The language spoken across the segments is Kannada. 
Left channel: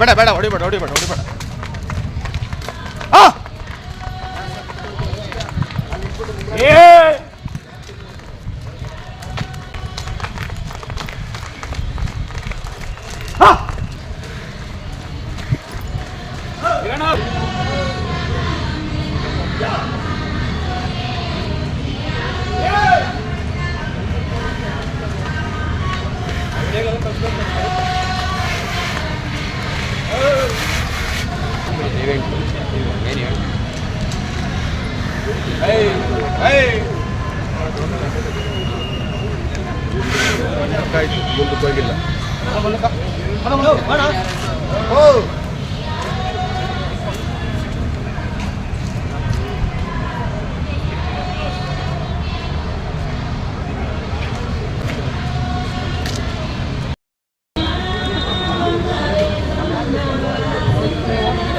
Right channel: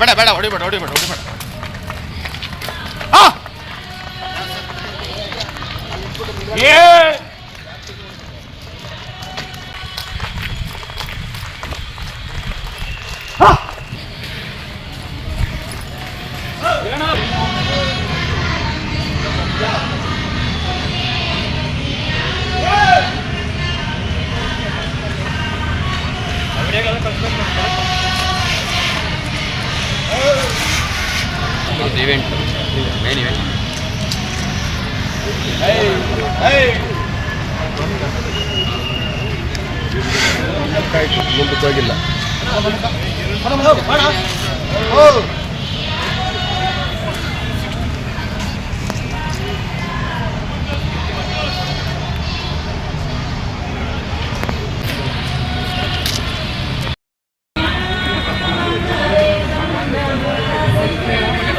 ಬೇಡ ಹೊಡಿಬೇಡ event, main event.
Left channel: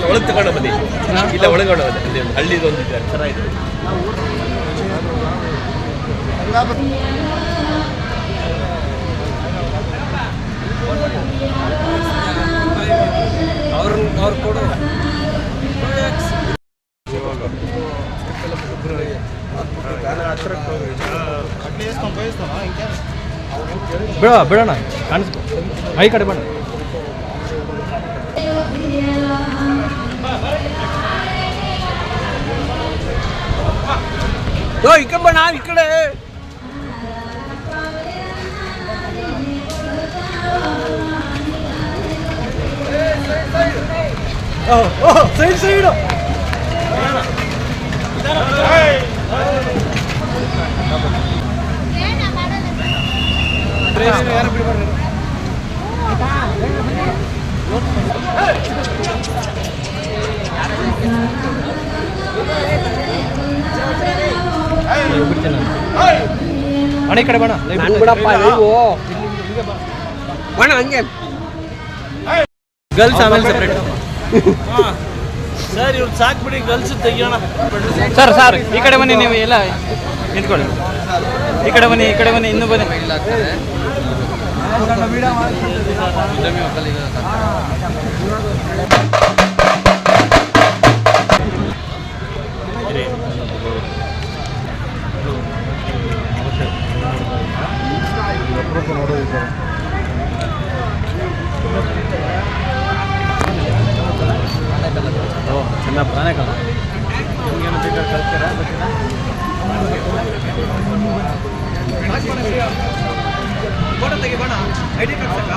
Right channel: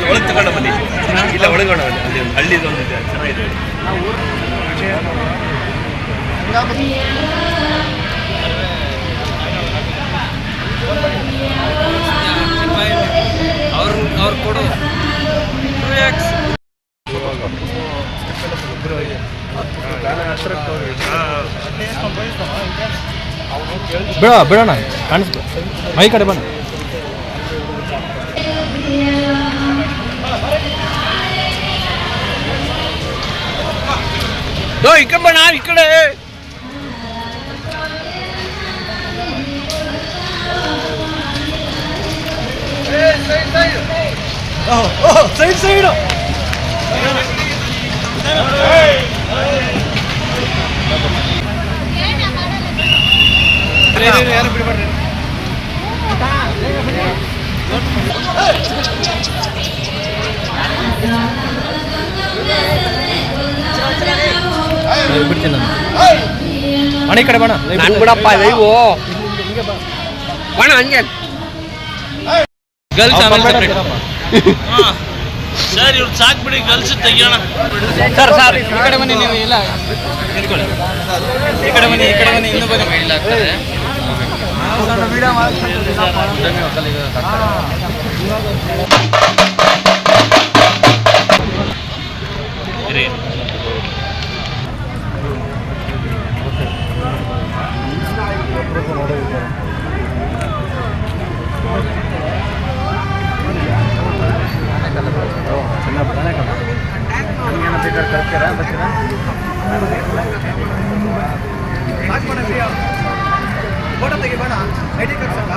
ಒಳಗೆ ತಗೊಂಡು ಬನ್ನಿ, ಇಲ್ಲ ಒಳಗಡೆ ಹಳ್ಳಿದೊಂದು ಚೆನ್ನಾಗಿದೆ. ಅವ್ರು ಕೊಡು ಬಿಡೋಣ ಕಾಣಿಸ್ತು ಮೈ ಕಡೆ ಬಣ್ಣ ಇಕ್ಕಂಬಣ್ಣ ಈ ಕಡೆ ಸೈಡ್ ಸೈಡ್ ಯಾರು ಬಿಡಬೇಡ್ರಿ. ಅಣ್ಣ ಈ ಕಡೆ ಬಣ ನಾನು ಬಿಡಪ್ಪ ನೀವು ಬಣ ಹಂಗೆ ಗರ್ಲ್ಸ್ ಆಮೇಲೆ ಸಪ್ರೇಟ್ ಸರ್ ಇವ್ರು ಸಾಕ್ಬಿಡಿ ಗರ್ಲ್ಸ್ ತೆಗಿಯೋಣ. ಸರ್ ಈ ಕಡೆ ಬನ್ನಿ, ನೀವು ಎಲ್ಲ ನಿಂತ್ಕೊಳ್ಳಿ. ಈ ಕಡೆ ಬನ್ನಿ ಇನ್ನೂ ಬನ್ನಿ. ಇಲ್ಲ ಆಗ್ತದೆ ಫೋಟೋ ತೆಗಿ ಬಣ, ಐಡಿ ಕಾರ್ಡ್ ಸಾಕ.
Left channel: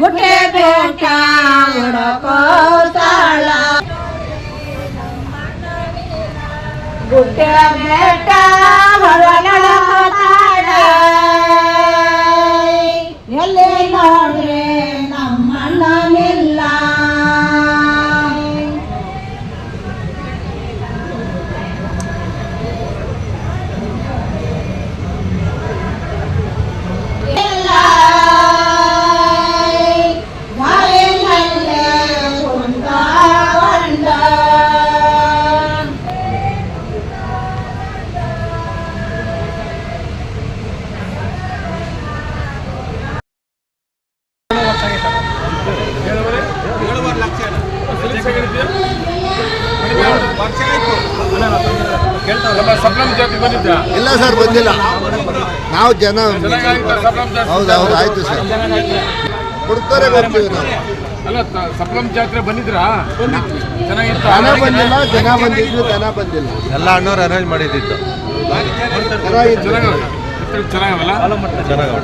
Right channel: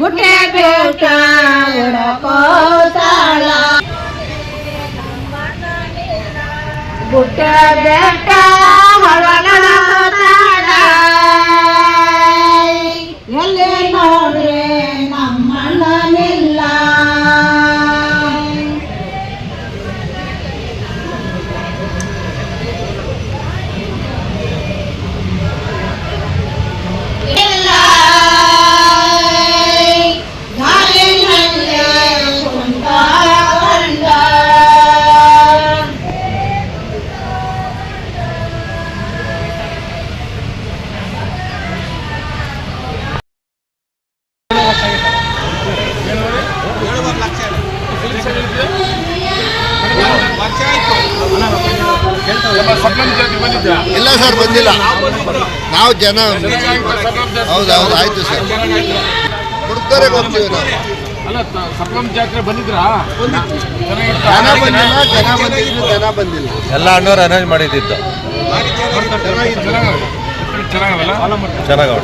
ಗುಟ್ಟೆ ಬೇಟ ಹುಡುಕೋತಾಳ ಗುಟ್ಟೆ ಬೇಟ ಹೊರಗಣತಾಳ ಎಲ್ಲಿ ನೋಡ್ರೆ ನಮ್ಮಣ್ಣನಿಲ್ಲ ಇಲ್ಲ ಸರ್ ಬಂದಿಲ್ಲ ನಾವು ಜನ ಹೌದೌದು ಆಯ್ತು ಸರ್ ಕೊಡ್ತಾರೆ ಬರ್ತೀವಿ ನಾವು ಅಲ್ಲ ಸಪ್ಲಂ ಜಾತ್ರೆ ಬಂದಿದ್ರಾ ಚೆನ್ನಾಗಿತ್ತು ಜನ ಬಂದಿಲ್ಲ ಜನ ಬಂದಿಲ್ಲ ಎಲ್ಲ ಅಣ್ಣವ್ರು ಅರೇಂಜ್ ಮಾಡಿದ್ದು ಚೆನ್ನಾಗವಲ್ಲ ಚೆನ್ನಾಗವ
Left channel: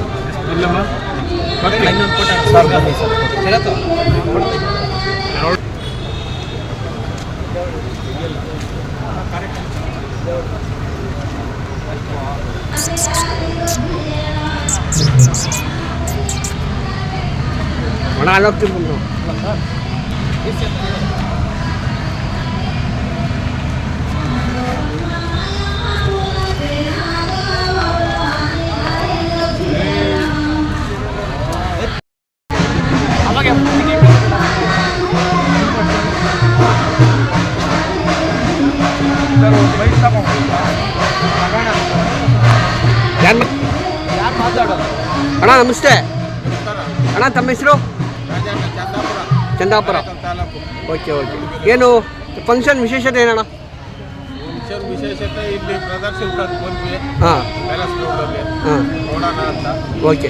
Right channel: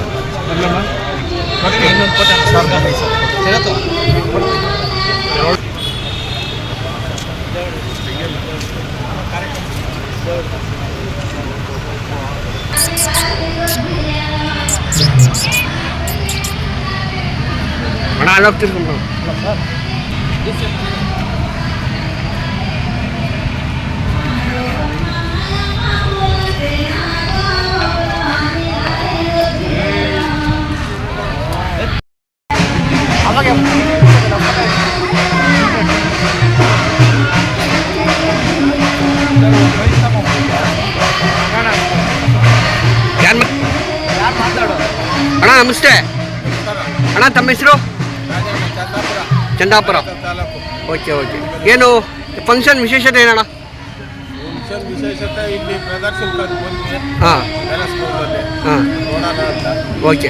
ಇಲ್ಲಮ್ಮ ಅಣ್ಣ ಅಲ್ಲೋಗಿ ತಿರ್ಕೊಂಡು ಅಣ್ಣ ನಮಸ್ತೆ ಅಣ್ಣ ತಮ್ಮ ಹೆಸರು ಚಂದಾಪುರ ಓಕೆ ಓಕೆ ಏನು ಫಂಕ್ಷನ್ ವಿಶೇಷತೆ ಏನಣ್ಣ ವಿಶೇಷತೆ ಇಲ್ಲಿ ಪ್ರದರ್ಶನಕ್ಕೆ ಬಂದ್ವಿ ಹಾಂ ಪ್ಯಾಲೇಸ್ ಗ್ರೌಂಡಲ್ಲಿ ಹಾಂ ನೋಡೋಣ ಅಂತ ಓಕೆ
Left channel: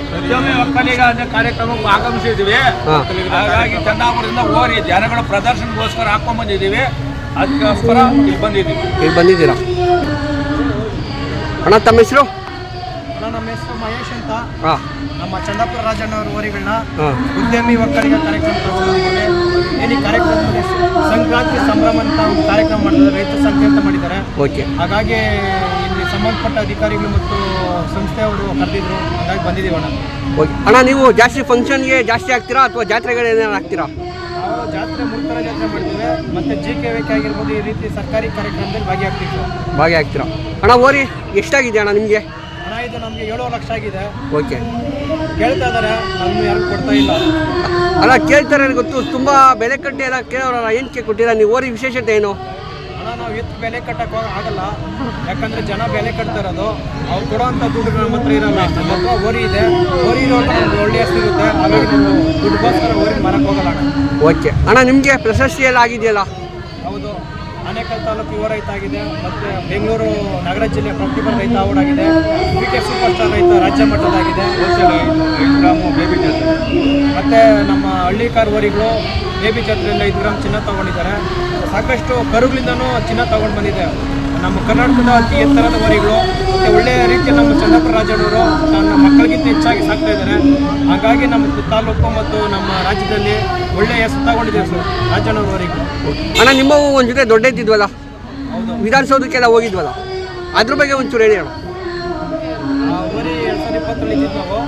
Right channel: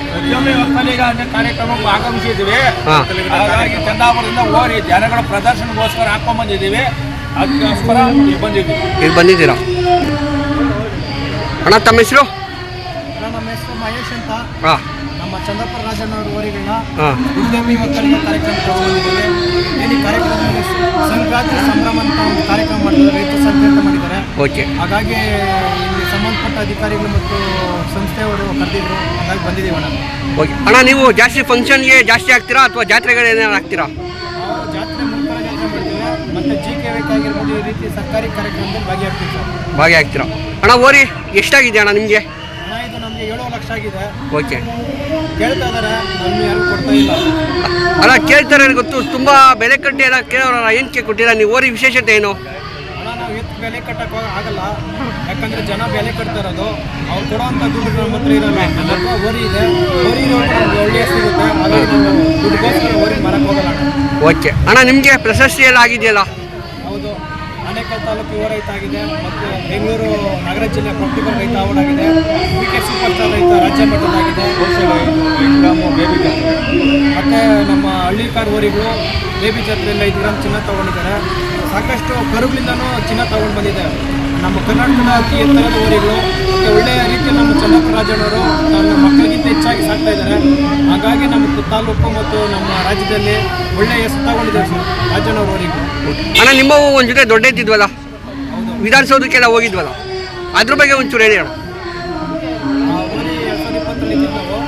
ಕಾರ್ಯಕ್ರಮಕ್ಕೆ ಆಗಮಿಸಿದ್ದೀವಿ. ಹಾಂ ಹಾಗಾಗಿ ಚಂದಾಪುರದಿಂದ ಓರಿ ಜನಗಳ ಪ್ರದರ್ಶನಗೋಸ್ಕರ ಹಾಕೊಂಡ್ ಬಂದಿದ್ದೀವಿ. ಅದಕ್ಕೋಸ್ಕರ ಇಲ್ಲಿ ಬಂದಿದ್ದೀವಿ. ಇಲ್ಲಿ ಬಂದಿದ್ದೀರಾ ಅಣ್ಣ ತಮ್ಮ ಹೆಸರು ನಮ್ಮ ಹೆಸರು ಮಹೇಶ್ ಅಂತ. ಹಾಂ ನಮ್ಮ ಚಂದಾಪುರ ರಾಜಣ್ಣವ್ರ ಓರಿಗಳನ್ನ ಹಾಂ ಉದ್ಯಮಿ ಒಕ್ಕಲಿಗ ಕಾರ್ಯಕ್ರಮ ತಗೊಂಡಿದ್ದೀವಿ. ಇಲ್ಲಿ ಕಾರ್ಯಕ್ರಮದಲ್ಲಿ ಸಂಕ್ರಾಂತಿ ಸಂಭ್ರಮ ಅಂತ ಒಂದು ಕಾರ್ಯಕ್ರಮ ಮಾಡಿದ್ದಾರೆ, ರೈತ ಸಂತೆ ಅಂತ ಮಾಡಿದ್ದಾರೆ. ಓಕೆ ಹಾಗಾಗಿ ಇಲ್ಲಿ ಸಂಬಂಧಪಟ್ಟ ಅಧಿಕಾರಿಗಳು ಮತ್ತು ಸಂಸ್ಥೆಯವರು ಕರೆದಿದ್ರು, ಹಾಗಾಗಿ ಬಂದಿದ್ದೀವಿ ಅಣ್ಣ. ಓಕೆ ಅಣ್ಣ ನೀವು ಜಾಸ್ತಿ ಫಂಕ್ಷನ್ಗೆ ಜಾಸ್ತಿ ಆಗ್ತೀರಾ ಅಥವಾ ಜಾತ್ರೆಗಳು ಏನಾರು ಆಗ್ತೀರಾ? ನಾವು ಜಾತ್ರೆ ಮುಂತಾದ ಜಾತ್ರೆ ಮಾಡ್ತೀವಿ, ಮತ್ತು GKVK ಆಗಿರ್ಬೋದು, ಈ ರೀತಿ ಸರ್ಕಾರಿ ಕಾರ್ಯಕ್ರಮದಲ್ಲಿ ಭಾಗಿಯಾಗ್ತೀವಿ ಸರ್. ಭಾಗಿಯಾಗ್ತೀರಾ ಅಣ್ಣ? ಓರಿ ಎಷ್ಟಾಗಿದೆ ಅಣ್ಣ ನಿಮಗೆ? ಹಣ ಇದು ನಮಗೆ 7 ಲಕ್ಷ ಆಗಿದೆ. ಓಕೆ ಕೇಳ್ತಾ ಇದ್ದಾರೆ, ನಾವು ಯಾರು ಕೊಡ್ತಾ ಇಲ್ಲ. ಅಲ್ಲ ಕೇಳ್ತಾರೆ ಗೊತ್ತು, ತುಂಬ ಬೆಲೆ ಕಟ್ಟಿ ಎಲ್ಲ ಕೇಳೋರಲ್ಲ, ಏನಕ್ಕೆ ಕೊಟ್ಟಿಲ್ಲ ನೀವು? ಓರಿ ವಿಶೇಷತೆ ಏನು? ಹಣ ನಾವು ಹೆಚ್ಚು ಬೆಲೆ ಕಟ್ಟಕ್ಕೆ ಆಗಲ್ಲ, ಯಾಕಂದರೆ ಜನ ಬೆಲೆ ಕಟ್ತಾ ಇರೋದು. ಅವ್ರು ಕೊಡೋವಂಥ ದುಡ್ಡು ನಮ್ಮ ಹತ್ರ ಇರೋಲ್ಲ. ನಮ್ಮ ಹತ್ರ ಓರಿ ಇದೆ, ಓರಿ ಇರೋದು ನಮ್ಗೆ ಒಳ್ಳೆಯ ಹೆಸರಿರುತ್ತೆ. ಹಾಗಾಗಿ ನಾವು ದುಡ್ಡುಗೋಸ್ಕರ ಓರಿ ಮರಕ್ಕೆ ಹೋಗಲ್ಲ ಅಣ್ಣ. ಓಕೆ ಅಣ್ಣ, ನಿಮಗೆ ಪ್ರಶಸ್ತಿ ಎಲ್ಲ ಆಗಿದೆಯಲ್ಲ? ಹೌದು, ಆನೇಕಲ್ ತಾಲೂಕು ಯುವ ರೈತ ಆಗಿದೆ, ಮತ್ತು ಬೆಂಗಳೂರು ನಗರ ಜಿಲ್ಲೆ ಪ್ರತಿಭಾ ರೈತ ಅವಾರ್ಡ್ ಆಗಿದೆ, BK ಸೂಪರ್ ಸ್ಟಾರ್ ರೈತ ರಾಜ್ಯ ಮಟ್ಟದಾಗಿದೆ. ಮತ್ತು ನಮ್ಮ ಹಳ್ಳಿಕಾರ್ ಓರಿಗಳು ಬೇಬಿ ಜಾತ್ರೆಯಲ್ಲಿ 5 ಗ್ರಾಮ್ ಚಿನ್ನ ತೊಗೊಂಡಿದ್ದಾರೆ. ಸಾಕಷ್ಟು ಕರುಗಳಿಂದನೂ ಚಿನ್ನ ತೊಗೊಂಡು ಬಂದಿದೆ. ನಮ್ಮ ಕರ್ನಾಟಕದ ಅತಿ ಎತ್ತರದ ಓರಿಗಳು, ಮತ್ತು ಒಳ್ಳೆಯ ರೀತಿಯಲ್ಲಿ ನಮ್ಮ ಚಂದಾಪುರ ರಾಜನವರು ತನ್ನ ಮಕ್ಕಳಿಗಿಂತ ಹೆಚ್ಚಾಗಿ ಸಾಕ್ತಾ ಇದ್ದಾರೆ. ಹಾಗಾಗಿ ನಮ್ಮ ತಾಲೂಕು ಮತ್ತು ನಮ್ಮ ರಾಜ್ಯದಲ್ಲಿ ಒಳ್ಳೆಯ ಹೆಸರು ತಗೊಂಡಿದ್ದಾರೆ ಸರ್ ರಾಜನವ್ರ ಓರಿಗಳು. ಅಣ್ಣ ನಿಮ್ಮವು ಒಂದು ಜೊತೆ ದೊಡ್ಡ ಇದ್ದಿದ್ವಲ್ಲ, ಹೌದು, ವಿಧಾನಸೌಧಕ್ಕೆಲ್ಲ ಹೋಗಿದ್ವಲ್ಲ, ಅದ್ರ ಬಗ್ಗೆ ಒಂಚೂರು ಹೇಳಿ ಅಣ್ಣ. ಆ ಓರಿ 2020 ಇದ್ದಿದ್ದು ನಾವು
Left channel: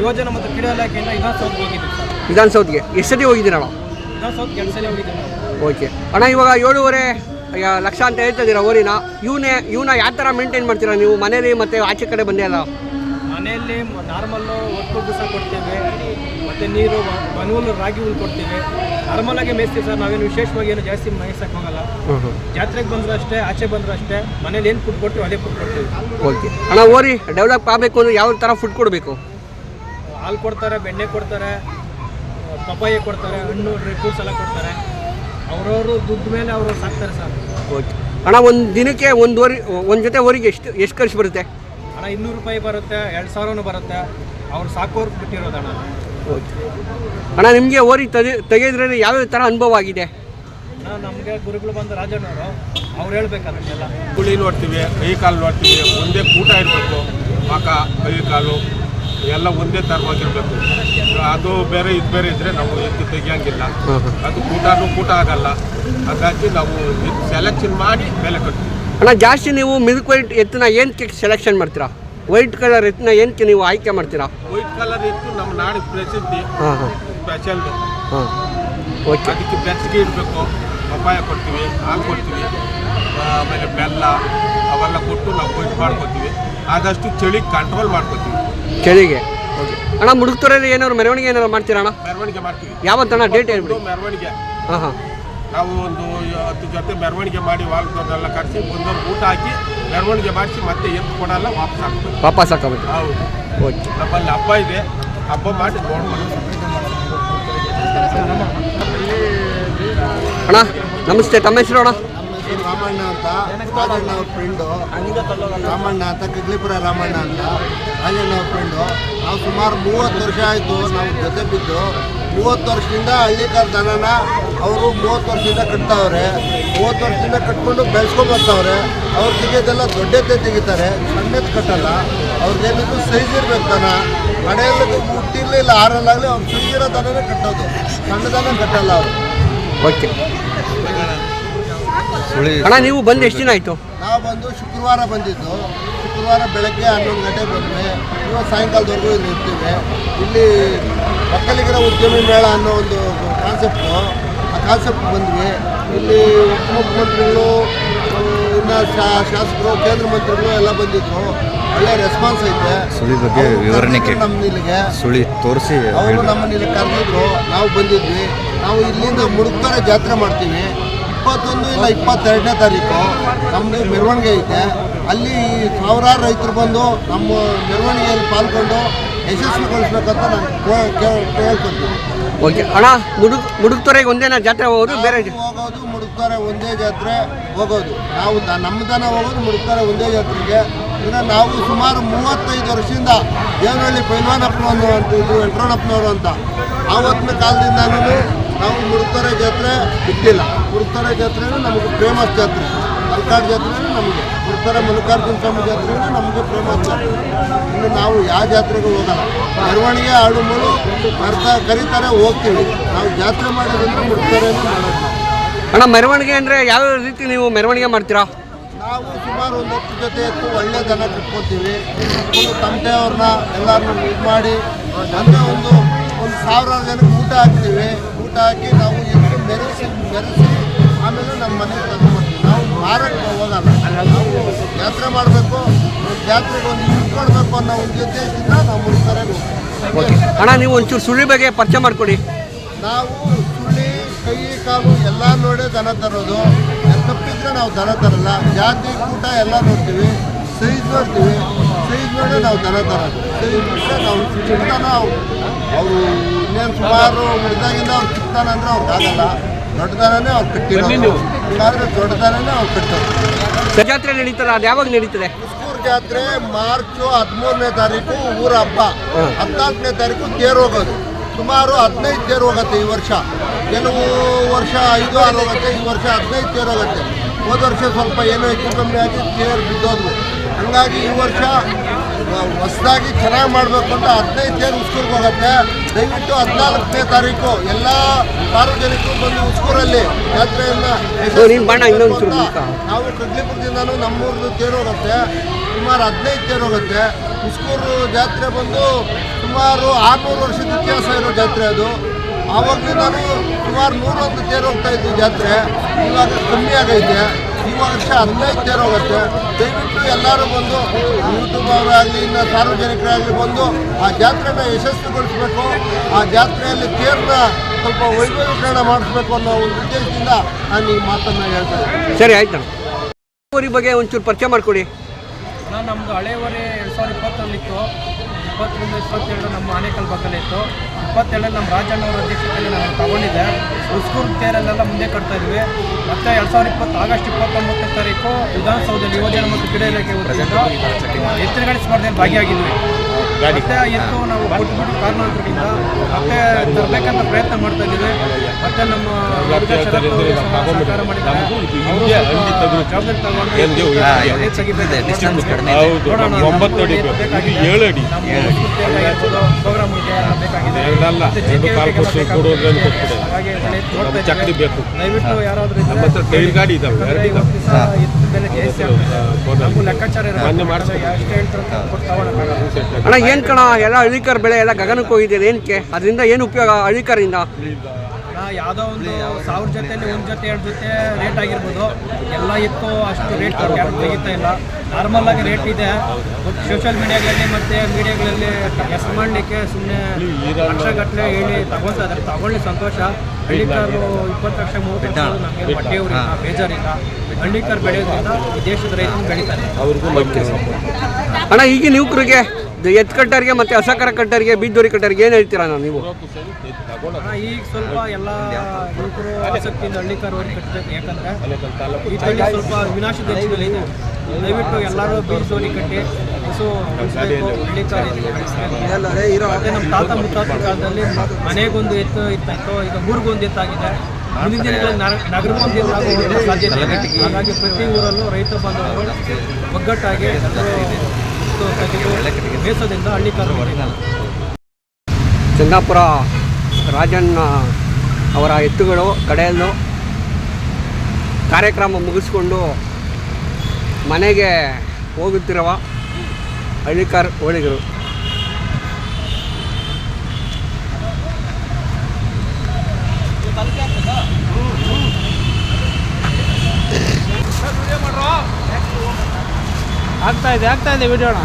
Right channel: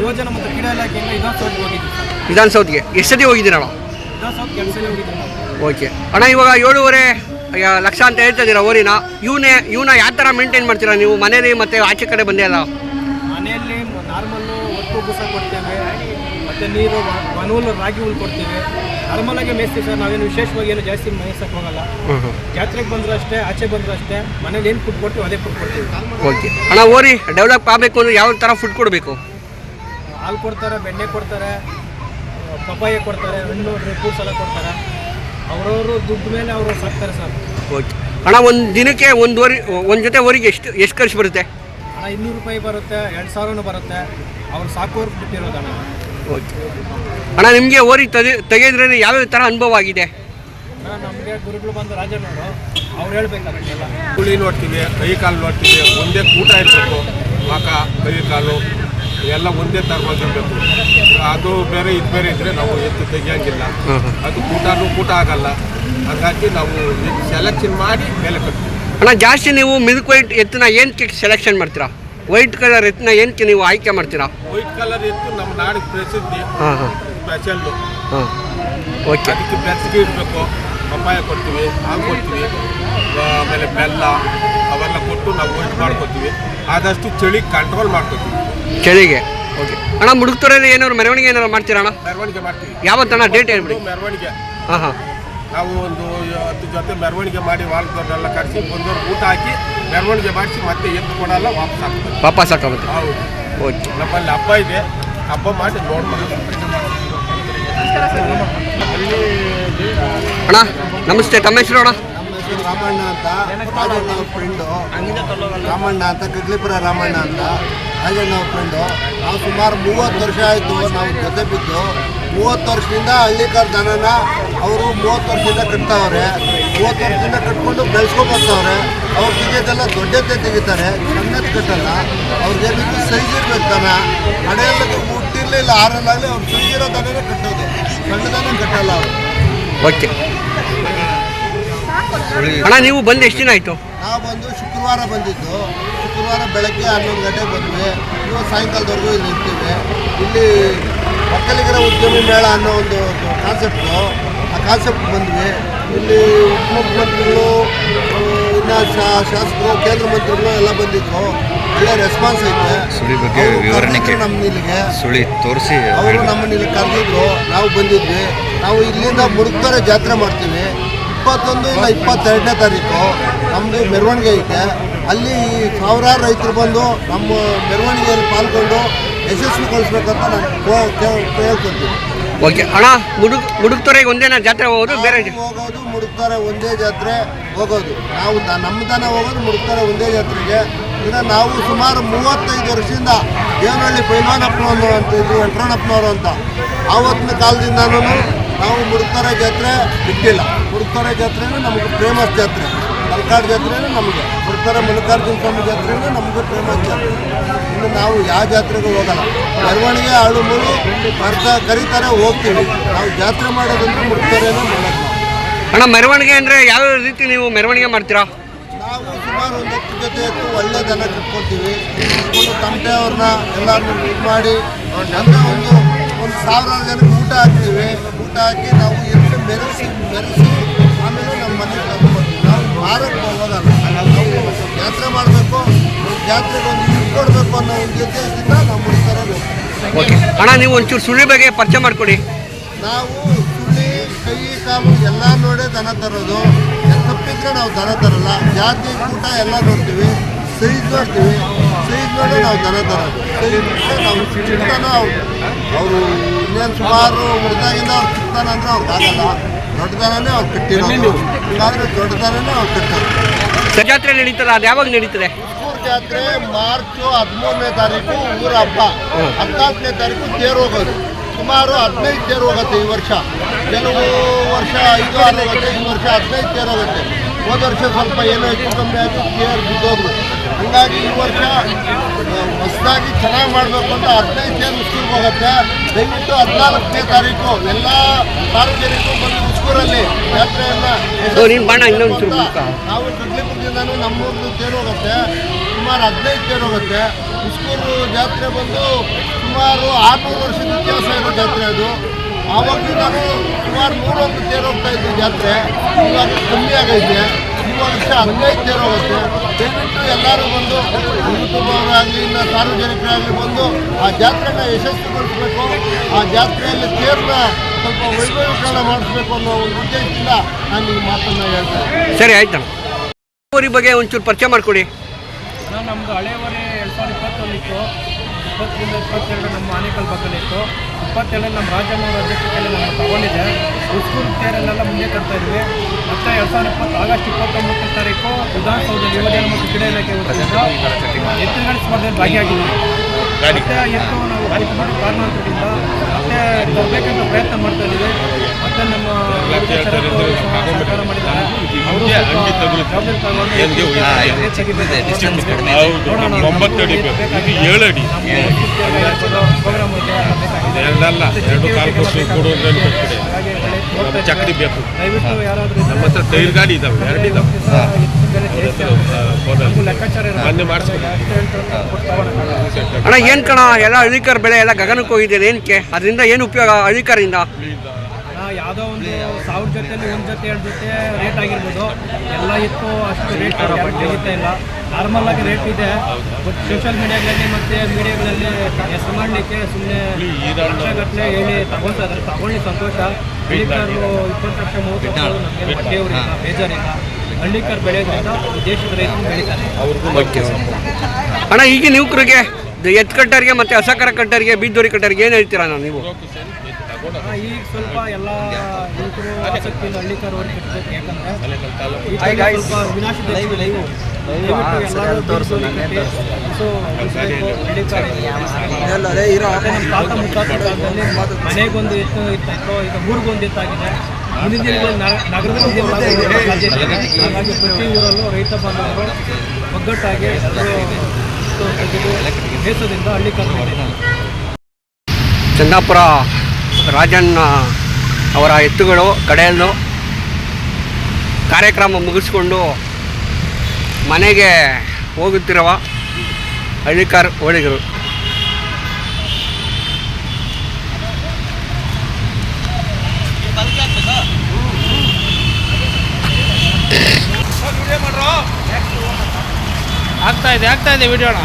ಯುವಜನ ಮತ್ತು ಕ್ರೀಡಾ ಇಲಾಖೆಯಿಂದ ವಿಧಾನಸೌಧಕ್ಕೆ ಹೋಗಿದ್ದೀವಿ ಸರ್. ವಿಧಾನಸೌಧಕ್ಕೆ ಎಷ್ಟು ಸತಿ ಹೋಗಿದ್ದೀರಣ್ಣ? ವಿಧಾನಸೌಧಕ್ಕೆ ಕೆಲಸದಲ್ಲಿ ಹೋಗಿದ್ದೀವಿ ನಾವು. ಓಕೆ ಅಣ್ಣ, ಇವಾಗ 7.5 ಲಕ್ಷ ಅಂತ ಹೇಳ್ತಿದ್ದೀರಾ ಓರಿನ. ಇವನ್ನ ಯಾವ ಥರ ಮೇಂಟೈನ್ ಮಾಡ್ತೀರಾ ನೀವು ಮನೇಲಿ ಮತ್ತು ಆಚೆ ಕಡೆ ಬಂದೇ ಅಲ್ಲ? ಮನೆಯಲ್ಲಿ ನಾರ್ಮಲ್ಲು ಒಟ್ಟು ಬೂಸ ಕೊಡ್ತೇವೆ, ಮತ್ತು ನೀರು ಮನೂಲು ರಾಗಿ ಹುಲ್ಲು ಕೊಡ್ತೀವಿ. ನಾರ್ಮಲಾಗಿ ಮೇಯ್ತೀವಿ ಸರ್, ನಾವೇನು ವಿಶೇಷವಾಗಿ ಏನು ಜಾಸ್ತಿ ಮೇಯ್ಸಕ್ಕೆ ಹೋಗಲ್ಲ. ಜಾತ್ರೆಗೆ ಬಂದರೂ ಅಷ್ಟೇ, ಆಚೆ ಬಂದರೂ ಅಷ್ಟೇ, ಮನೇಲಿ ಏನು ಫುಡ್ ಕೊಡ್ತೀವಿ ಅದೇ ಫುಡ್ ಕೊಡ್ತೀವಿ. ಓಕೆ ಅಣ್ಣ, ಓರಿ ಡೆವಲಪ್ ಆಗಬೇಕು ಅಂದರೆ ಯಾವ ಥರ ಫುಡ್ ಕೊಡಬೇಕು? ಹಾಲು ಕೊಡ್ತಾರೆ, ಬೆಣ್ಣೆ ಕೊಡ್ತಾರೆ, ಪಪ್ಪಾಯ ಕೊಡ್ತಾರೆ, ಹಣ್ಣು ಡ್ರೈ ಫ್ರೂಟ್ಸ್ ಎಲ್ಲ ಕೊಡ್ತಾರೆ. ಅವರವರು ದುಡ್ಡು ಮೇಲೆ ಅವರು ಸಾಕ್ತಾರೆ ಸರ್. ಓಕೆ ಅಣ್ಣ, ಒಂದು ದಿನಕ್ಕೆ ಒಂದು ಜೊತೆ ಓರಿಗೆ ಎಷ್ಟು ಖರ್ಚು ಬರುತ್ತೆ? ಹಣ 200 ರೂಪಾಯಿ ಬರುತ್ತೆ, 2000 ಬರುತ್ತೆ. ಅವ್ರು ಸಾಕೋರ್ಗೆ ಬಿಟ್ಟಿರೋದು ಹಣ. ಓಕೆ ಅಣ್ಣ, ನಿಮಗೆ ಓರಿ ತೆಗೆದ್ರೆ ಯಾವ್ಯಾವ ಥರ ಅನುಭವ ಆಗಿದೆ? ನಮಗೆ ಗುರುಗಳು ಬಂದು ರಾಜಣ್ಣವರು ಅವ್ರು ಹೇಳ್ಬೇಕು ಅದನ್ನೆಲ್ಲ. ಕುಳಿ ನೋಡ್ತೀವಿ, ಕೈ ಕಾಲು ನೋಡ್ತೀವಿ, ಒಂದೇ ಕೂಟ ಇರಬೇಕು, ಮಕ ಕೈ ಕಾಲು ಇವೆಲ್ಲ ಒಂದೇ ಥರವಾಗಿರಬೇಕು. ಅದು ಬೇರೆ ಇದು ಬೇರೆ ಇದ್ದರೆ ನಾವು ಎತ್ತು ತೆಗಿಯೋಂಗಿಲ್ಲ. ಅದು ಕೂಟ ಆಗಲ್ಲ. ಹಾಗಾಗಿ ನಾವು ಸೆಲೆಕ್ಷನ್ ಮಾಡಿ ಬೆಲೆ ಕಟ್ತೀವಿ. ಅಣ್ಣ ಜಾಸ್ತಿ ನೀವು ಮಿಲ್ಕ್ ವೈಟ್ ಎತ್ತನ್ನ ಏನಕ್ಕೆ ಸೆಲೆಕ್ಷನ್ ಮಾಡ್ತೀರಾ? ವೈಟ್ ಕಲರ್ ಎತ್ತನ್ನ ಏನಕ್ಕೆ ನೀವು ಆಯ್ಕೆ ಮಾಡ್ತೀರಾ? ವೈಟ್ ಕಲರ್ ಎತ್ತು ನಮ್ಮ ನಾಡಿಗೆ ಪ್ರಸಿದ್ಧಿ, ಸ್ಪೆಷಲ್ಲು. ಓಕೆ. ಅದಕ್ಕೆ ಬೆಚ್ಚಗೆ ಇಡಬೇಕು. ಪಪ್ಪಾಯ ಕೊಡ್ತೀವಿ, ಹಾಲು ಕೊಡ್ತೀವಿ, ಆಮೇಲೆ ಬೆಲ್ಲ ಅವೆಲ್ಲ ಕೊಟ್ಟು ನಾವು ವೈಟ್ ಮಾಡ್ಕೊತೀವಿ. ಆದಷ್ಟು ಚಳಿ ಕಂಟ್ರೋಲ್ ಮಾಡ್ಕೊತೀವಿ ಚಳಿಗೆ. ಓಕೆ ಅಣ್ಣ, ಮುಡುಕ್ತೋರಲ್ಲಿ ಏನಾದ್ರು ಮೆರವಣಿಗೆ ಏನಾದ್ರು ಮಾಡ್ತೀರಾ ಅಣ್ಣ? ಮೆರವಣಿಗೆ ಮಾಡ್ತೀವಿ. ಯಾವತ್ತಣ್ಣ ಡೇಟ್ ಹೇಳ್ಬಿಡಿ. ಮೆರವಣಿಗೆ ಹಾಂ ನಾವು ಒಂದು 10 ಜೊತೆ ಮೆರವಣಿಗೆ ಮಾಡಿ ವಾಲ್ದವ್ರನ್ನೆಲ್ಲ ಕರೆಸಿ ಬಂದವ್ರು ಊಟ ಹಾಕಿ ಮೆರವಣಿಗೆ ಮಾಡಿಸಿ ಮತ್ತೆ ಎತ್ತು ಕೊಡಲ್ಲ, ವಾಪಸ್ ಹಾಕಬೇಕು. ಹೌದು. ಓಕೆ. ನಮ್ಮಲ್ಲಿ ಹಬ್ಬ ಇದೆ, ಹಬ್ಬ ಮಾಡಿ ನೋಡ್ಬೋದು. ಅಣ್ಣ ನಮಸ್ತೆ, ತಮ್ಮ ಹೆಸರು ಅಣ್ಣ? ನಮ್ಮ ಹೆಸರು ರಾಮಣ್ಣ ಅಂತ, ರಾಜಣ್ಣ ಅವ್ರ ಫ್ರೆಂಡು. ರಾಮಣ್ಣ ಅಂತ, ಕಗ್ಲಿಪುರ ರಾಮಣ್ಣ ಅಂತ, ರಾಜಣ್ಣ ಅವ್ರ ಫ್ರೆಂಡು. ನಾವು ಸುಮಾರು 30 ವರ್ಷ ಆಯಿತು ನಾವು ಜೊತೆ ಬಿದ್ದು. 30 ವರ್ಷದಿಂದ ಹಳ್ಳಿಕಾರ ದನನ ಅವರು 30 ವರ್ಷದಿಂದ ಕಟ್ತಾವ್ರೆ. 30 ವರ್ಷದಿಂದ ಕಟ್ಕೊಂಡು ಬೆಳೆಸ್ಕೊಂಬರ್ತಾವ್ರೆ. ಅವ್ರು ತೆಗಿಯೋದೆಲ್ಲ ದೊಡ್ಡತೆ ತೆಗಿತಾರೆ, ಸಣ್ಣದು ಕಟ್ಟಲ್ಲ. ಅವ್ರಿಗೇನಿದ್ರು ಸೈಜ್ ಇರ್ಬೇಕು ದನ. ಮನೆಯಲ್ಲಿ ಹುಟ್ಟಿರಲಿಲ್ಲ, ಆರಲ್ಲಾಗಲಿ ಅವ್ರು ಸೈಜ್ ಇರೋ ದನನೇ ಕಟ್ಟೋದು, ಸಣ್ಣ ದನ ಕಟ್ಟಲ್ಲ ಅವರು. ಓಕೆ ಅಣ್ಣ, ನೀವು ಬಂದು ಎಷ್ಟು ದಿನ ಆಯಿತು? ನಾವು ಬಂದು ಶುಕ್ರವಾರ ಬಂದಿದ್ದು. ಶುಕ್ರವಾರ ಬೆಳಗ್ಗೆ 11 ಗಂಟೆಗೆ ಬಂದ್ವಿ. ಇವತ್ತು ಸಾಯಂಕಾಲದವರೆಗೂ ಇಲ್ಲಿ ಇರ್ತೀವಿ. ಇಲ್ಲಿ ಒಕ್ಕಲಿಗರ ಉದ್ಯಮಿ ಮೇಳ ಅನ್ನೋ ಒಂದು ಕಾನ್ಸೆಪ್ಟು, ಆ ಕಾನ್ಸೆಪ್ಟ್ ಬಂದ್ವಿ. ಇಲ್ಲಿ ಉಪಮುಖ್ಯಮಂತ್ರಿಗಳು, ಇನ್ನು ಶಾಸಕರು, ಕೇಂದ್ರ ಮಂತ್ರಿಗಳು ಎಲ್ಲ ಬಂದಿದ್ರು. ಒಳ್ಳೆ ರೆಸ್ಪಾನ್ಸ್ ಐತೆ. ನಮ್ಮನ್ನ ಇಲ್ಲಿಗೆ ಅವರು ನಮ್ಮನ್ನ ಇಲ್ಲಿ ಕರೆದಿದ್ರು, ನಾವು ಬಂದಿದ್ವಿ. ನಾವು ಇಲ್ಲಿಂದ ಮುಡುಕ್ತಾರೆ ಜಾತ್ರೆ ಮಾಡ್ತೀವಿ. 21 ಇಲ್ಲ 22ನೇ ತಾರೀಕು ನಮ್ಮದು ಮೆರವಣಿಗೆ ಐತೆ. ಅಲ್ಲಿ ಸಾವಿರಾರು ರೈತರು ಬಂದು ನಮ್ಮ ಮೆರವಣಿಗೆಯಲ್ಲಿ ಪಾಲ್ಗೊಂಡು ಯಶಸ್ವಿಗೊಳಿಸ್ಬೇಕಂತ ನಾನು ಕೇಳ್ಕೊಳ್ತೀನಿ. ಓಕೆ ಅಣ್ಣ, ಮುಡುಕ್ತೊರೆಗೆ ಒಂದೇನಾ ಜಾತ್ರೆ ಹೋಗೋದು? ಬೇರೆ ಹೋಗೋದು ಮುಡುಕ್ತಾರೆ ಒಂದೇ ಜಾತ್ರೆ ಹೋಗೋದು. ನಾವು ನಮ್ಮ ದನ ಹೋಗೋದು ಮುಡುಕ್ತಾರೆ ಒಂದೇ ಜಾತ್ರೆಗೆ. ಈಗ ನಾವು ಸುಮಾರು 35 ವರ್ಷದಿಂದ ದೇವನಹಳ್ಳಿ ಪೈಲ್ವಾನಪ್ಪನವರು ಅಂತ ಇದ್ರು, ವೆಂಕಟರಮಣಪ್ಪನವರು ಅಂತ. ಆವತ್ತಿನ ಕಾಲದಿಂದನೂ ನಾವು ಮುಡುಕ್ತಾರೆ ಜಾತ್ರೆ ಬಿಟ್ಟಿಲ್ಲ. ಮುಡುಕ್ತಾರೆ ಜಾತ್ರೆನೂ ನಮಗೆ ಫೇಮಸ್ ಜಾತ್ರೆ. ತಲಕಾಡು ಜಾತ್ರೆನೂ ನಮಗೆ, ಮುಡುಕ್ತಾರೆ ಮಲ್ಲಿಕಾರ್ಜುನ ಸ್ವಾಮಿ ಜಾತ್ರೆನೂ ನಮಗೆ ಫೇಮಸ್ ಜಾತ್ರೆ. ಇನ್ನು ನಾವು ಯಾವ ಜಾತ್ರೆಗೂ ಹೋಗಲ್ಲ. ಮೆರವಣಿಗೆ ಆಳು ಮುಳು ಕರೀತಾರೆ, ಹೋಗ್ತೀವಿ. ನಾವು ಜಾತ್ರೆ ಮಾಡೋದಂದ್ರೆ ಮುಡುಕ್ತಾರೇನೆ ಮಾಡೋದು ನಾವು. ಅಣ್ಣ, ಮೆರವಣಿಗೆ ಅಂದರೆ ಯಾವ ರೀತಿ ನೀವು ಮೆರವಣಿಗೆ ಮಾಡ್ತೀರಾ? ನಾವು ಸುಮಾರು 10 ಜೊತೆ ಎತ್ತು ಒಳ್ಳೆ ದನ ಕಟ್ಕೊಳ್ತೀವಿ. ತಮಟೆ ಅವ್ರನ್ನ ಎಲ್ಲರನ್ನೂ ಇದು ಮಾಡಿ ಅಂದರೆ ಒಂದು 1000 ಜನಕ್ಕೆ ಊಟ ಹಾಕ್ತೀವಿ. ಊಟ ಹಾಕಿ ನಾವು ಎತ್ತು ಮೆರೆಸಿ ಆಮೇಲೆ ನಮ್ಮ ಮನೆಗೆ ತಗೊಂಡ್ಬರ್ತೀವಿ. ನಾವು ಮಾರಕ್ಕೆ ಹೋಗಲ್ಲ. ನಾವು ಜಾತ್ರೆ ಮಾಡಬೇಕು, ಜಾತ್ರೆಗೆ ಒಂದು ಇದು ಕೊಡಬೇಕು ಅನ್ನೋ ಒಂದು ಉದ್ದೇಶದಿಂದ ನಾವು ಮುಡ್ತಾರೆ ಹೋಗ್ತೀವಿ. ಓಕೆ ಅಣ್ಣ, ನೀವು ಒಂಚೂರು ಸುಳ್ಳಿ ಬಗ್ಗೆ ಪರಿಚಯ ಮಾಡಿಕೊಡಿ. ನಾವು ಸುಳ್ಳಿ, ಕೈ ಕಾಲು ಎಲ್ಲ ನೋಡೇ ದನ ತರೋದು. ತಪ್ಪಿದ್ರೆ ನಾವು ದನ ತರಲ್ಲ. ಜಾತಿ ಕೂಟ ಎಲ್ಲ ನೋಡ್ತೀವಿ, ಸೈಜ್ ನೋಡ್ತೀವಿ. ಸೈಜ್ ನೋಡಿ ನಾವು ದನ ತರೋದು. ಸೈಜ್ ನಾವು ಚಿಕ್ಕತನ ಅವರು ಇನ್ನೇನು ಸುಮಾರು ಹುಡ್ದಾಗಿಂದ ಅವ್ರು ಚಿಕ್ಕತನ ಅಂದರೆ ಅವ್ರಿಗಾಗಲ್ಲ. ದೊಡ್ಡದನೇ ಅವ್ರು ಕಟ್ಟಿರೋದು. ಹಂಗಾದ್ರೆ ದೊಡ್ಡದನೇ ಅವ್ರು ಕಟ್ಟೋದು. ಜಾತ್ರೆ ನಡೀತಲ್ಲ, ಅದು ಯಾವಾಗ ನಡೀತದೆ? ಉಸ್ಕೂರು ಜಾತ್ರೆ ಮಾರ್ಚ್ 13ನೇ ತಾರೀಕು ಊರ ಹಬ್ಬ. 14ನೇ ತಾರೀಕು ತೇರು ಹೋಗೋದು. ಸುಮಾರು 15 ತೇರು ಹೋಗುತ್ತೆ ಈ ವರ್ಷ. ಕೆಲವು ವರ್ಷ 5-6 ಹೋಗುತ್ತೆ, ಈ ವರ್ಷ 15 ತೇರು ಹೋಗುತ್ತೆ. ಹೋದ ವರ್ಷ ಸ್ವಲ್ಪ ಏನೋ ಹೆಚ್ಚು ಕಮ್ಮಿ ಆಗಿ ತೇರು ಬಿದ್ದೋದ್ವು. ಹಂಗಾಗಿ ಈ ವರ್ಷ ಹೊಸದಾಗಿ ಚೆನ್ನಾಗಿ ಮಾಡಬೇಕು ಅಂತ 15 ತೇರು ಉಸ್ಕೂರ್ಗೆ ಹೋಗುತ್ತೆ. ದಯವಿಟ್ಟು 14ನೇ ತಾರೀಕು ಎಲ್ಲ ಸಾರ್ವಜನಿಕರು ಬಂದು ಉಸ್ಕೂರಲ್ಲಿ ಜಾತ್ರೆಯನ್ನು ನಾವು ಕಡ್ಲಿಪುರದಿಂದನೂ ನಮ್ಮೂರ್ದು ತೇರು ಹೋಗುತ್ತೆ. ಸುಮಾರು 15 ತೇರು ಹೋಗುತ್ತೆ. ಉಸ್ಕೂರು ಜಾತ್ರೆ ಬಂದು ಸುಮಾರು 600 ವರ್ಷದ ಇತಿಹಾಸ ಇರೋ ಜಾತ್ರೆ ಅದು. ಆವಾಗಲಿಂದನೂ ಸುಮಾರು 101 ತೇರು ಹೋಗ್ತಾ ಇದ್ದು ಜಾತ್ರೆ. ಇವಾಗ ಕಮ್ಮಿ ಆಗೈತೆ. ಈ ವರ್ಷ 15 ತೇರು ಹೋಗುತ್ತೆ. ದಯವಿಟ್ಟು ಎಲ್ಲರೂ ಬಂದು ಯೂಟ್ಯೂಬ್ ಅವರಾಗಲಿ, ಇನ್ನು ಸಾರ್ವಜನಿಕರಾಗಲಿ ಬಂದು ಆ ಜಾತ್ರೆನ ಯಶಸ್ವಿಗೊಳಿಸಬೇಕು. ಆ ಜಾತ್ರೆಯಲ್ಲಿ ತೇರನ್ನ ಸ್ವಲ್ಪ ವೈಭವೀಕರಣ ಮಾಡಿಸ್ಬೇಕು ಅನ್ನೋ ಒಂದು ಉದ್ದೇಶದಿಂದ ನಾನು ಈ ಮಾತನ್ನು ಹೇಳ್ತೇನೆ. ಸರಿ ಆಯ್ತಣ್ಣ. ಊರಿ ಬಗ್ಗೆ ಒಂಚೂರು ಪರಿಚಯ ಮಾಡಿಕೊಡಿ. ನಮ್ಮದು ಹಳೆಯವರೇ 2020 ಇತ್ತು. 20ರಿಂದ 22 ನಮ್ಮ ಆನೇಕಲ್ ಪಕ್ಕದಲ್ಲಿತ್ತು. 22 ನಮ್ಮ ರಾಜಣ್ಣವರ ಅಧ್ಯಕ್ಷತೆಯಲ್ಲಿ ನಾನು ತಗೊಂಡಿದ್ದೆ. ಉಸ್ಕೂರು ತೇರಲ್ಲೆಲ್ಲ ಮುಂದೆ ಕಟ್ತಾ ಇದ್ವಿ. ಮತ್ತು 2020 ಆಗಸ್ಟ್ 29ನೇ ತಾರೀಕು ವಿಧಾನಸೌಧದಲ್ಲಿ ಯುವಜನ ಮತ್ತು ಕ್ರೀಡೆ ಇಲಾಖೆ ವತಿಯಿಂದ ಎತ್ತಿನಗಾಡಿ ಸ್ಪರ್ಧೆಯಲ್ಲಿ ಭಾಗಿಯಾಗಿದ್ವಿ. ಮತ್ತು ಎತ್ತು ನಾವು ಕೊಟ್ಬಿಟ್ಟು ಕಾರಣಾಂತರದಿಂದ ಮತ್ತೆ ತರಬೇಕಂತ ಪ್ರಯತ್ನ ಮಾಡ್ತಾ ಇದ್ದೀವಿ. ಮತ್ತೆ ನಮ್ಮ ಹುಡುಗ ಶರತ್ ಅವರು ಸಹ ಸಹಕಾರ ಮಾಡಿದ್ದಾರೆ. ಅವರು ಸ್ವಲ್ಪ ಜವಾಬ್ದಾರಿ ತಗೊಂಡು ಎಣ್ಣೆ ತೆಗಿಬೇಕು ನೋಡೋಣ. ಬೇಕಾಗಿದೆ ನಮ್ಮ ವಸ್ತುತಿರ್ಗಾಗಿರ್ಬೋದು, ಪ್ರೋಗ್ರಾಮ್ಗೆ ಎಲ್ಲ ಬೇಕಾಗಿದೆ, ಸೆಕ್ಯೂರಿಟಿಗೆಲ್ಲ ಬೇಕಾಗಿದೆ. ಹಾಗಾಗಿ ಒಳ್ಳೆ ನೋಡ್ತಾ ಇದ್ದೀವಿ. ದಯವಿಟ್ಟು ಯಾರಾದರೂ ಇದ್ರೆ ಇವತ್ತು ದಿವಸ ಹೆಚ್ಚು ಬೆಲೆ ಜಾಸ್ತಿ ಆಗ್ತದೆ. ನಮಗೂ ಲೆಕ್ಕಾಚಾರ ಇರಬೇಕು, ಎಷ್ಟು ಹೇಳ್ತಾರೆ ಕೊಟ್ಟು ತಗೊಳಕ್ಕಾಗಲ್ಲ. ಅಣ್ಣ ಏನು ಕಣ ಎಲ್ಲ ಹಳ್ಳಿಕಾರ್ ಬೆಳೆ ಎಲ್ಲ ಗಗನಕ್ಕೆ ಹೋಗಿದೆ, ಏನಕ್ಕೆ? ಅದರಿಂದ ಏನು ಉಪಯೋಗ ಹಳ್ಳಿಕಾರಿಂದ? ಯಾವುದೋ ಒಂದು 1000 ಜೊತೆಯಲ್ಲಿ 1 ಜೊತೆ 2 ಜೊತೆ ರೇಟ್ ಆಗಿರ್ಬೋದು, ಎಲ್ಲ ಇತ್ತು ಅಷ್ಟು ರೇಟ್ ಯಾರು ತೆಗಿತಾ ಇಲ್ಲ. ನಾರ್ಮಲ್ ಆಗಿ ರೇಟ್ ಇದೆ. ಬಟ್ ಸೋಷಿಯಲ್ ಮೀಡಿಯಾಗಳಲ್ಲಿ ಮತ್ತು ಮೀಡಿಯಾಗಳಲ್ಲಿ ಹೆಸರು ಮಾಡಲಿಕ್ಕೆ ಸುಮ್ಮನೆ ಲಕ್ಷಗಟ್ಟಲೆ ಹೇಳಿ ತಗೊಳ್ತಾ ಇದ್ದಾರೆ. ತಗೊಳ್ಳಿ ಸಂತೋಷ. ಹಳ್ಳಿಕಾರು 20 ಲಕ್ಷ 30 ಲಕ್ಷ ನಮಗೆ ಹೊಟ್ಟೆಯವರಿಲ್ಲ, ಬೇಜಾರಿಲ್ಲ. ಹಳ್ಳಿಕಾರು ಬೆಳೆಯೋದ್ರಿಂದ ಈ ದೇಶದ ರೈತರು ಬೆಳೀತಾರೆ. ಅಣ್ಣ ಈಗಿನ ಯುವಕರಿಗೆ ಎತ್ತು ಕಟ್ಟರಿಗೆ ಮತ್ತು ಹಸಕರ ಕಟ್ಟರಿಗೆ, ಬೀದ್ದೋರಿ ಕಟ್ಟರಿಗೆ ಏನು ಹೇಳ್ತೀರಾ ನೀವು? ಈಗ ಸ್ವಲ್ಪ ಎಲ್ಲ ಯುವಕರು ಆಸಕ್ತಿಯಿಂದ ಹಳ್ಳಿಕಾರು ಅವ್ರಿಗೆ ಕಟ್ಟಬೇಕು. ಯಾಕಂದರೆ ಈ ಕಡೆ ಸ್ವಲ್ಪ ವಿನಾಶದ ಇದೆ. ದಯವಿಟ್ಟು ಎಲ್ಲರೂ ಬೀದ್ದೋರಿ ಕಟ್ಟಿ ಹಸು ಉಳಿಸ್ಬೇಕು, ಹಳ್ಳಿಕಾರು ಬೆಳೆಸಬೇಕು. ಮತ್ತು ನಮ್ಮ ತಾತ ಮುತ್ತಾತರ ಕಾಲದಲ್ಲಿ ಮನೆಗೊಂದು ಎತ್ತು ಇರ್ತಾಯಿತ್ತು, ಈಗ ಊರಿಗೊಂದು ಎತ್ತಾಗಿದೆ. ಮುಂದಿನ ದಿನಗಳಲ್ಲಿ ನಗರಕ್ಕೊಂದು ಎತ್ತಾಗುವ ಸಾಧ್ಯತೆ ಇದೆ. ಹಾಗಾಗಿ ಪ್ರತಿ ಊರಲ್ಲೂ ರೈತ ಬಾಂಧವರು ಒಗ್ಗಟ್ಟಾಗಿ ಎಲ್ಲರೂ ತೆಗೆದು ಬೇಸದಿಂದ ಹಳ್ಳಿಕಾರು ಬೆಳೆದಿದ್ದಾರೆ. ಚಂದಾಪುರ ರಾಜಣ್ಣ ಅವರ ಎತ್ತುಗಳು ಕಡೆಯಲ್ಲೂ ಕಾರ್ಯಕ್ರಮ ಮುಗಿಸ್ಕೊಂಡು ಮನೆಗೆ ಹೋಗುತ್ತಿರುವ ಹಳ್ಳಿಕಾರ್ ಹೋಳಿಗರು. ಆಗ್ತಾ ಇದೆ ವಿಡಿಯೋಣ.